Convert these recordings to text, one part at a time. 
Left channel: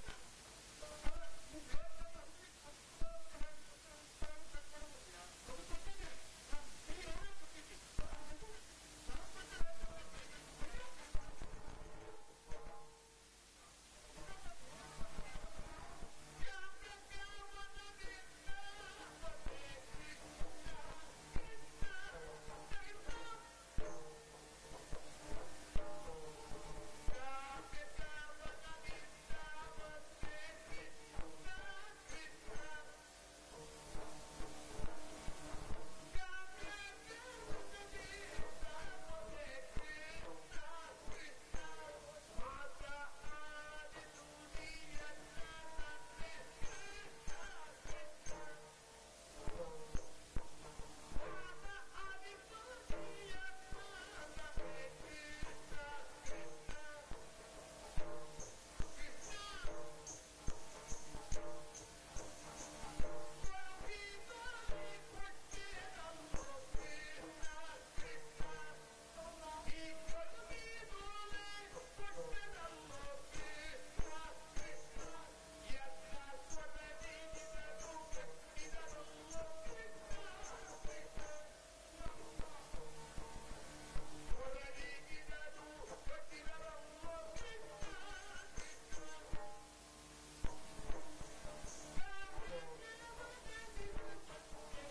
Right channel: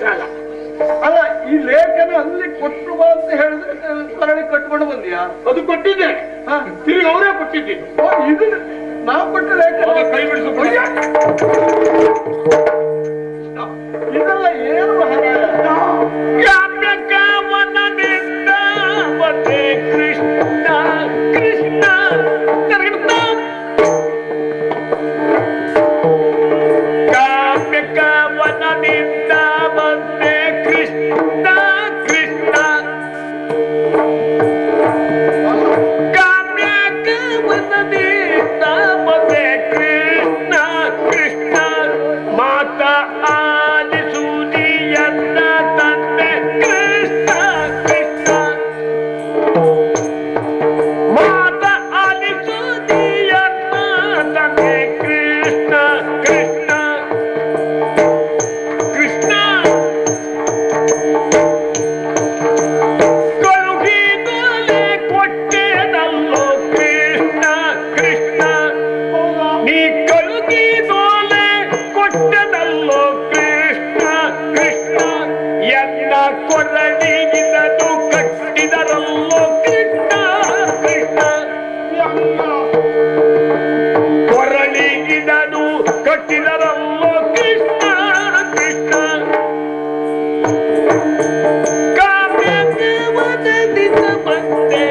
ಉದ್ದೇಶ ಅಲ್ಲ. ಅಲ್ಲ, ಈ ಲೇಖನ ಅಲ್ಲಿ ಕೊಟ್ಟು ಬಾ ಅಂತ ಹೇಳಿದ್ರೆ ಸರಳಿ ಕಟ್ಕೊಂಡು ಬಂದಿಯಾ? ಅದು ಕೊಟ್ಟಿದ್ದೇನೆ, ತಿರುಗಿ ಅವರೇ ಕೊಟ್ಟಿದ್ದೀನಿ. ಇದು ನಾವು ಕೊಟ್ಟ ಲೇಖನ ಕೈ ಬಿಡಿಸು. ಇದೆಲ್ಲ ಏನು ಮಹಾರಾಯ? ಕಾಮ್ಯಕವನದಿಂದ ಮತ್ತೆ ಕೃಷ್ಣ ಕೃಷ್ಣ ಕಾಮ್ಯಕವನದಿಂದ ಮತ್ತೆ ಕೃಷ್ಣ ಕೃಷ್ಣ ಕಾಮ್ಯಕವನದಿಂದ ಮತ್ತೆ ಕೃಷ್ಣ ಕೃಷ್ಣ ಮಾತ ಆಲಿಸುವುದಿಯನ್ನ ತಂದೆ ಕೃಷ್ಣ ಕೃಷ್ಣ ಮಾತ ಆಲಿಸುವುದಿಯನ್ನ ತಂದೆ ಕೃಷ್ಣ ಕೃಷ್ಣ ಕೃಷ್ಣ ಕಳುಹಿದಲೆ ಕೊಟ್ಟೆನಲ್ಲೋ ಕೃಷ್ಣ ಕೃಷ್ಣ ನೀ ಕಳುಹಿದೋಲೆ ಕೊಟ್ಟೆನಲ್ಲೋ ಕೃಷ್ಣ ಕೃಷ್ಣ ಎನ್ನ ಕೊರಳಿಗಿನದು ಕಟ್ಟಿದರಲ್ಲೋ ಕೃಷ್ಣ ಕೃಷ್ಣ ಕೊರಳಿಗಿನದು ಕಟ್ಟಿದರಲ್ಲೋ ಕೃಷ್ಣ ಕೃಷ್ಣ ಕಾಮ್ಯಕವನದಿಂದ ಬಂದೆ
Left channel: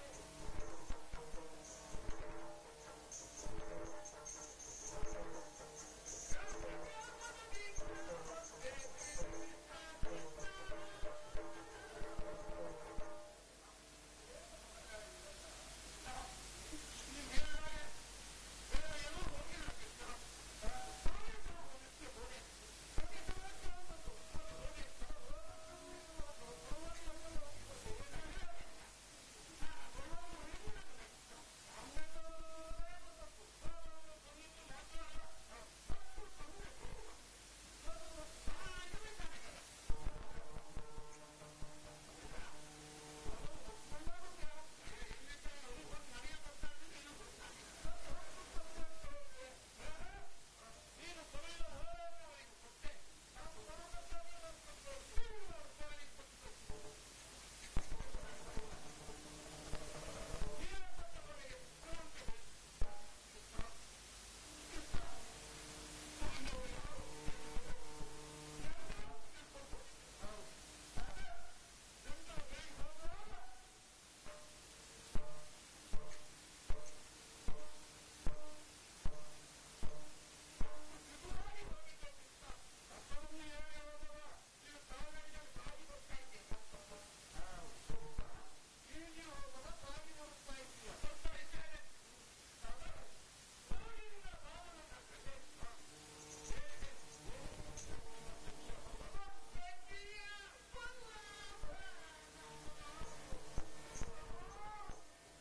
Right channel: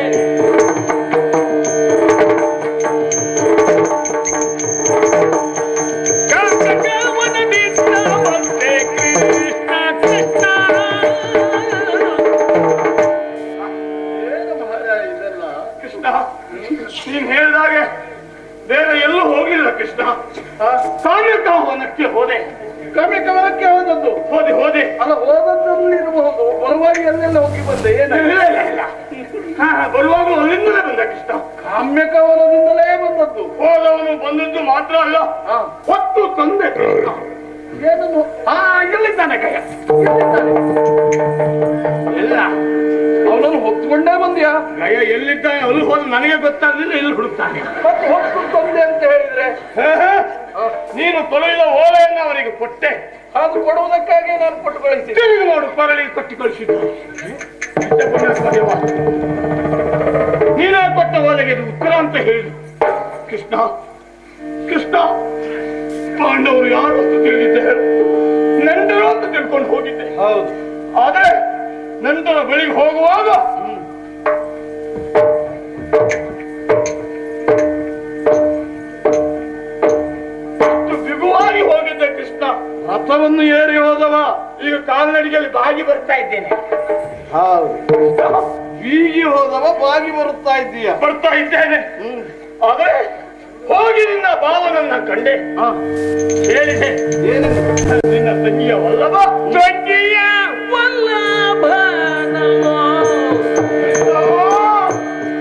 ಕಾಮ್ಯಕವನದಿಂದ ಬಂದೆ ಕೃಷ್ಣ ಕೃಷ್ಣ ಏನು ಮಹಾರಾಯ ಇದೆಲ್ಲ? ಕೃಷ್ಣ ನೀನ್ ಹೇಳಿದಾಗೆ ಬೇರೆ ಎಲ್ಲೂ ಹೋಗ್ಲಿಲ್ಲ ಕೃಷ್ಣ. ಕಾಮ್ಯಕವನಕ್ಕೆ ಹೋದೆ. ಕಾಮ್ಯಕವನಕ್ಕೆ ಹೋದದ್ದು? ಹೋದೆ ಹೋದೆ ಅಲ್ಲ, ಹೋದದ್ದಲ್ಲಿ ಇರಬಹುದು, ಬರುವಾಗ ಎಲ್ಲೆಲ್ಲ ಹೋಗಿ ಬಂದೆ? ಇಲ್ಲ ಏನಿಲ್ಲ, ಇಲ್ಲ ಇಲ್ಲ. ಬರುವಾಗಲೂ ಅಲ್ಲಿಂದಲೇ ಬಂದ ಕೃಷ್ಣ. ಕಾಮ್ಯಕವನದಿಂದಲೇ ಬಂದದ್ದು. ಹೋದವನು ಬಂದದ್ದು ಮಾತ್ರ ಅಲ್ಲ, ಹೊತ್ತು ತಂದೆ ಕೃಷ್ಣ. ಏನನ್ನು? ಎಲ್ಲಿದ್ದಾನೆ ಕೈಯ? ಎಲ್ಲಿದ್ದಾನೆ? ಎಲ್ಲ ಅವನನ್ನು ಹೊತ್ಕೊಂಡೇ ಬಂದ್ಯಾ? ಗಯ ಎಲ್ಲಿದ್ದಾನೆ ಅಲ್ಲಿ ಹೋದ ನನಗೆ ಗೊತ್ತಾಗಲಿಲ್ಲ, ಇಲ್ಲಿ ಹುಡುಕ್ತಾನೆ. ಮತ್ತೆ ಹೊತ್ತು ತಂದೆ ಅಂತ ಹೇಳಿದ್ರೆ ನೀನು ತೊಳೆದ ಓಲೆಯನ್ನು ಅವರಿಗೆ ಕೊಟ್ಟೆ, ಅದು ಕೊಡುವುದಕ್ಕಾಗಿ ನಾನು ಕೊಟ್ಟು ಕಳಿಸಿದ್ದೆ. ತಿರುಗಿ ನೋಡು ಕೊರಳಿ ಕೊಟ್ಟು ಕಳಿಸಿದ್ದು. ನೀನೇ ಕೊಟ್ಟ ಓಲೆಗೆ ಇದು ಉತ್ತರ ಅಂತ ಹೇಳಿದ್ರು ಕೃಷ್ಣ. ಕೃಷ್ಣ ಪಾಂಡವರು ಯಾರು ಅಂತ ತಿಳಿದಿದ್ದೆ, ನಂಟರು ಅಂತ ತಿಳ್ಕೊಂಡು ಹೋಗಿದ್ದೆ. ಹೌದು. ಆದ್ರೆ ನಂತರ ಬಳಿಗೆ ಹೋಗುವಾಗ ಬಿಗುವಾಗಿ ಹೋಗಿದ್ದೆ ಕೃಷ್ಣ. ರಥವನ್ನು ಏರಿ ಹೋದವ ಈಗ ಕಾಲ್ನಡಿಗೆಯಲ್ಲಿ ಬಾಗಿ ಬರ್ತಾ ಇದ್ದೇನೆ. ಹೌದು. ಬೀಗಿ ಹೋದವ ಬಾಗಿ ಬರುತ್ತಾ ಇದ್ದೀಯ. ಬರ್ತಾ ಇದ್ದೇನೆ. ಆದ್ರೆ ಹೋಗಿ ನಿನ್ನ ಭಾವನನ್ನ ಕಂಡೆ, ಹೇಳಿದೆ ನಿನ್ನ ತಂಗಿಯ ವಲ್ಲಭ, ತಂಗಿಯ ವಲ್ಲಭನಲ್ಲೋ,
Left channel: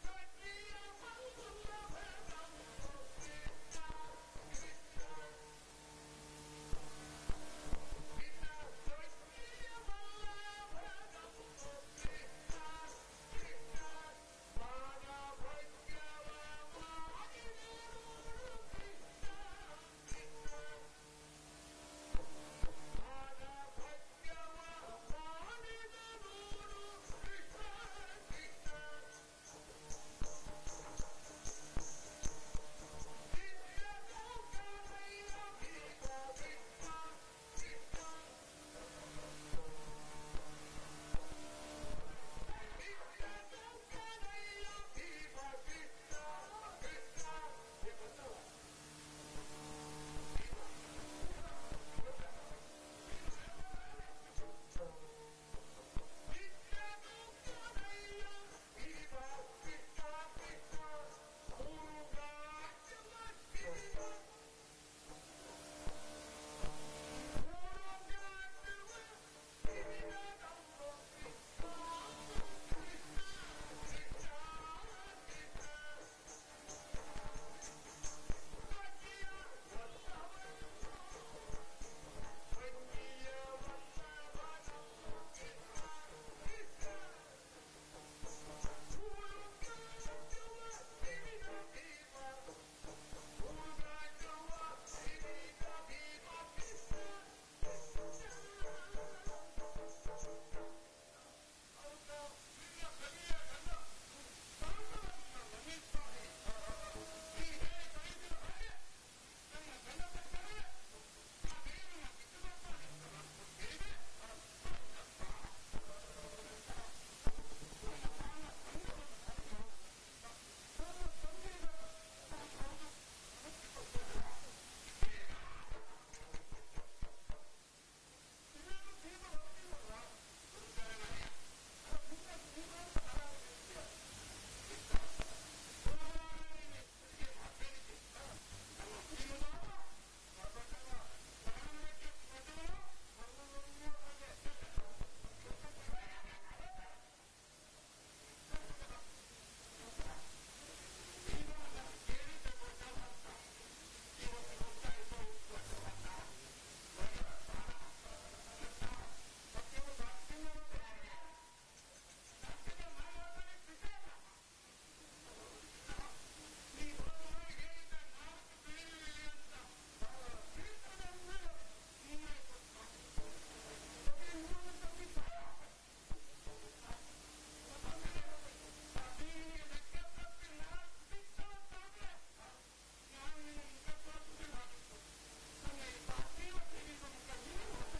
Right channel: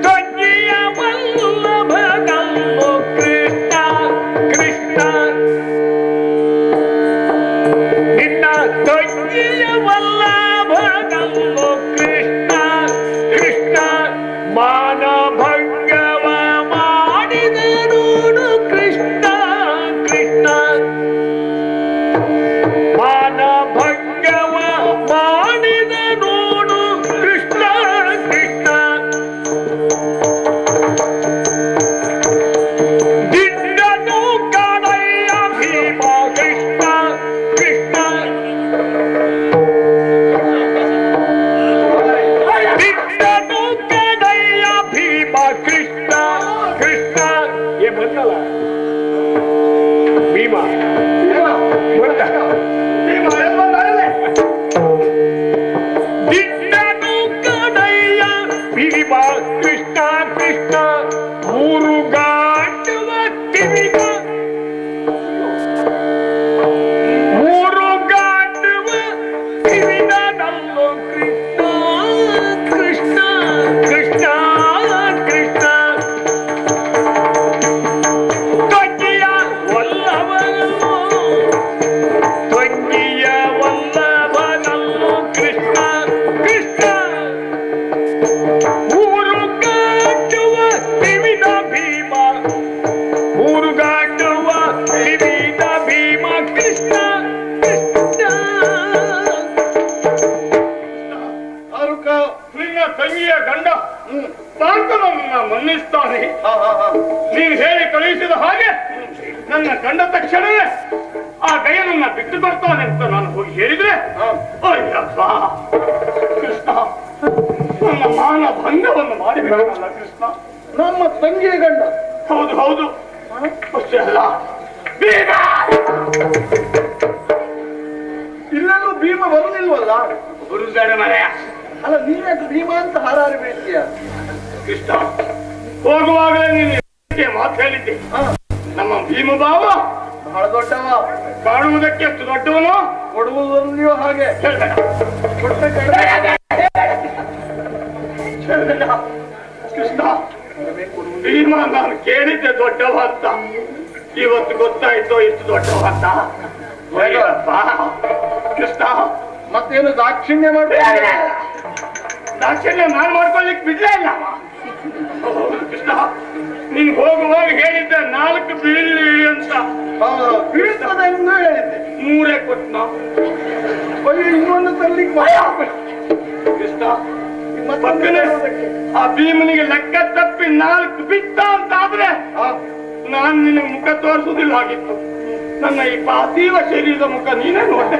ತಂಗಿಯ ವಲ್ಲಭನಲ್ಲೋ ಕೃಷ್ಣ ಕೃಷ್ಣ ನಿನ್ನ ತಂಗಿಯ ವಲ್ಲಭನಲ್ಲೋ ಕೃಷ್ಣ ಕೃಷ್ಣ ಮಾನ ಭಂಗವ ಮಾಡಿದ ನೋಡು ಕೃಷ್ಣ ಕೃಷ್ಣ ಮಾನ ಭಂಗವ ಮಾಡಿದ ನೋಡು ಕೃಷ್ಣ ಕೃಷ್ಣ ದಿಂಡನು ಕಾಣಯ್ಯ ಭೀಮ ಕೃಷ್ಣ ಕೃಷ್ಣ ದಿಂಡನು ಕಾಣಯ್ಯ ಭೀಮ ಕೃಷ್ಣ ಕೃಷ್ಣ ಏ ಬಂದಲ್ಲ ಭೀಮ ಬಂದ ಭೀಮ ಬಂದಲ್ಲೇ ದಿಂಡನು ಕಾಣಯ್ಯ ಭೀಮ ಕೃಷ್ಣ ಕೃಷ್ಣ ಮೂರು ಗಾಂಡುವ ತಿವಿದ ಮೂರು ಗಾಂಡುವ ತಿವಿದನಲ್ಲೋ ಕೃಷ್ಣ ಕೃಷ್ಣ ಕೃಷ್ಣ ಕೃಷ್ಣ ತಂಗಿಯ ವಲ್ಲಭನಲ್ಲೋ ಪಾರ್ಥನನ್ನ ಮನ್ನಿಸ್ತಾನೆ. ನೀವು ಹೇಳಿ ಕಳುಹಿಸಿದ ಹಾಗೆ ನನ್ನ ಕಂಡ ತಕ್ಷಣವೇ ಆ ಗಯನನ್ನ ಬಿಟ್ಟು ಬರ್ತಾನೆ ಅಂತ ನಾನು ಹೋಗಿ ಹೇಳಿದ್ರೆ, ಅಯ್ಯಪ್ಪ ಕೃಷ್ಣ, ನನ್ನ ಮಾನ ಭಂಗವನ್ನು ಮಾಡಿಬಿಡಲ್ಲ ಕೃಷ್ಣ. ನಮ್ಮ ತಂಗಿಯ ಗಂಡ. ಹೌದು ಹೌದು, ಅಷ್ಟೇ ಅಲ್ಲ, ಭೀಮ ಇಲ್ಲೆಲ್ಲೂ ಭೀಮ ಬರುದಿಲ್ವಲ್ಲ? ಗುರುಗಡ ಮನೆಯ ಅಲ್ಲ, ನೀನ್ಯಾಕೆ ಭೀಮ ಅಂತ ಹಾರಾರಿ ಬೀಳ್ತೀಯ? ಕೃಷ್ಣ, ಹೋಗುವಾಗಲೇ ನೀನು ಮಾತು ಹೇಳಿದ್ದೆ. ನಮ್ಮ ಭೀಮ ಬಾವ ಬಹಳ ದೊಡ್ಡವ, ಕಾಣುವುದಕ್ಕೆ ಎಷ್ಟು ದೊಡ್ಡವನು, ಕೊಡುವುದರಲ್ಲಿಯೂ ಹಾಗೆ. ಕೃಷ್ಣ, ಭೀಮ ನಾನು ಕೇಳಿದ್ದೆ ದೊಡ್ಡವ ಅಂತ, ಇವತ್ತು ಗೊತ್ತಾಯ್ತು ಎಷ್ಟು ದೊಡ್ಡವ ಅಂತ. ಕೃಷ್ಣ, ಮತ್ತೇನು ದಾಕ್ಷಿಣ್ಯ ಮಾಡ್ಬೇಕು? ದಾಕ್ಷಿಣ್ಯ ನಾನು ಮಾಡ್ಕೊಳ್ಳಿಕ್ ಬಿಡ್ಲೇ ಇಲ್ಲ. ಕೃಷ್ಣ, ನೀನ್ ಹೋಗುವಾಗ ಹೇಳಿದ್ದೆ 4 ಬೀಳಿ ಅಂತ. ಬೀಳ್ತದೆ ಎಂದು ಹೇಳಿದ್ದೆ, 3 ಕೊಟ್ನ. ಇನ್ನೊಂದು ತರ್ಲಿಕ್ಕೆ ಕೃಷ್ಣ, ಪಕ್ಕನೆ ಆ ಭೀಮನಿಗೆ ಲೆಕ್ಕ ತಪ್ಪಿ 4 ಬಿಟ್ಟ ಅಂತ ಆದ್ರೆ ನಾನ್ ನಿನ್ನ ಮುಖ ತೋರಿಸುವುದಿಲ್ಲ ಆಗಿತ್ತು. ನನ್ನ ಈ ಪಾರ್ಥಿವ ಶರೀರದ ಮುಖ ನೀನೇ ನೋಡ್ದೆ.